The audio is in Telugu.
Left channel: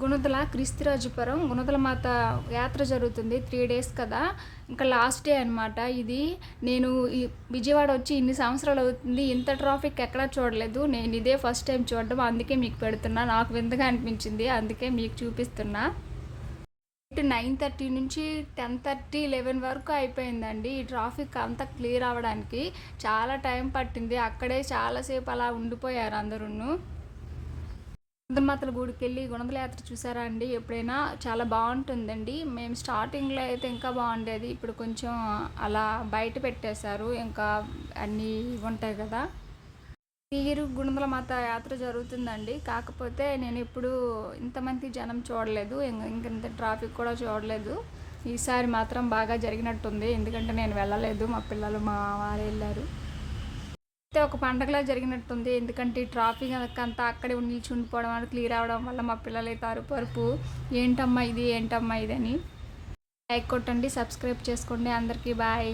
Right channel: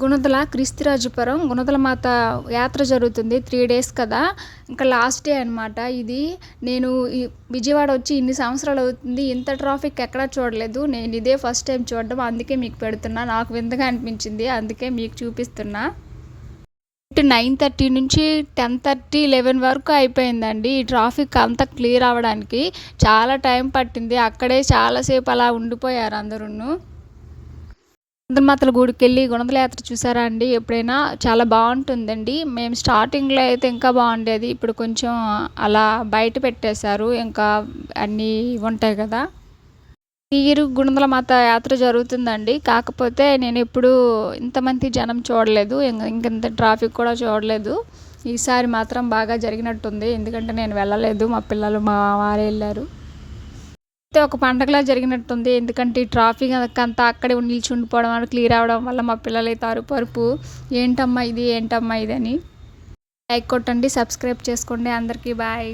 గుణదల క్రీస్తురాజపురం గుణదల మాత యాత్ర జరుగుతుంది. 3 డేస్ కదా! ఇంకా లాస్ట్ డే అనమాట ఇది. నేను ఈ విజయవాడ వచ్చి ఇన్ని సంవత్సరాలు అవుతుంది. ఇంత ట్రాఫిక్ ఎక్కడా చూడలేదు. నేను ఇదే ఫస్ట్ టైం చూడడం. అందుకే మీకు పెడుతున్నా. నాకు వింతగా అనిపించింది. అందుకే మీకు చూపిస్తున్నా. 9:30 నుంచి 10:30, 11 వరకు అయిపోయిందండి. ఈ ట్రాఫిక్ అంతా క్లియర్ అవ్వడానికి. చాలా టైం పట్టింది. అక్కడే చాలాసేపు అలా ఉండిపోయారు అందరూను. గుణదల గుడికెళ్ళి గుణదల యాత్ర చూసారా అండి ఎప్పుడైనా? చాలా బావుంటుందండి. మేము స్టార్టింగ్‌లో అయితే ఇంకా బావుండేది. ఇప్పుడు కొంచెం అలా బయట పెట్టేశారు. ఇంకా అన్నీ ఉంటాయి కదా! ఈ ఇయర్ గుణదల మాత యాత్ర జరుగుతుందండి. కాకపోతే నేనెప్పుడూ ఇంతమంది జనం చూడలేదు. ఇంకింత ట్రాఫిక్ కూడా చూడలేదు. ఈసారి మాత్రం బాగా జరిగినట్టుంది. ఎందుకంటే నేను వెళ్ళలేదు. మా పిల్లలు, మా వారే ఎళ్లారు. అయితే ఒక పండగలా జరిగినట్టుంది. ఎందుకంటే ఈ ట్రాఫిక్ అంతా అక్కడే నిలిచి ఉండిపోవడం వల్ల క్లియర్ అవ్వడం వల్ల మా పిల్లలైతే అరుపు ఏంటమ్మా ఇది? ఏంటమ్మా ఇదని. లైక్ కొట్టండి, సబ్స్క్రైబ్ చేసుకోండి. అందరికీ బాయ్.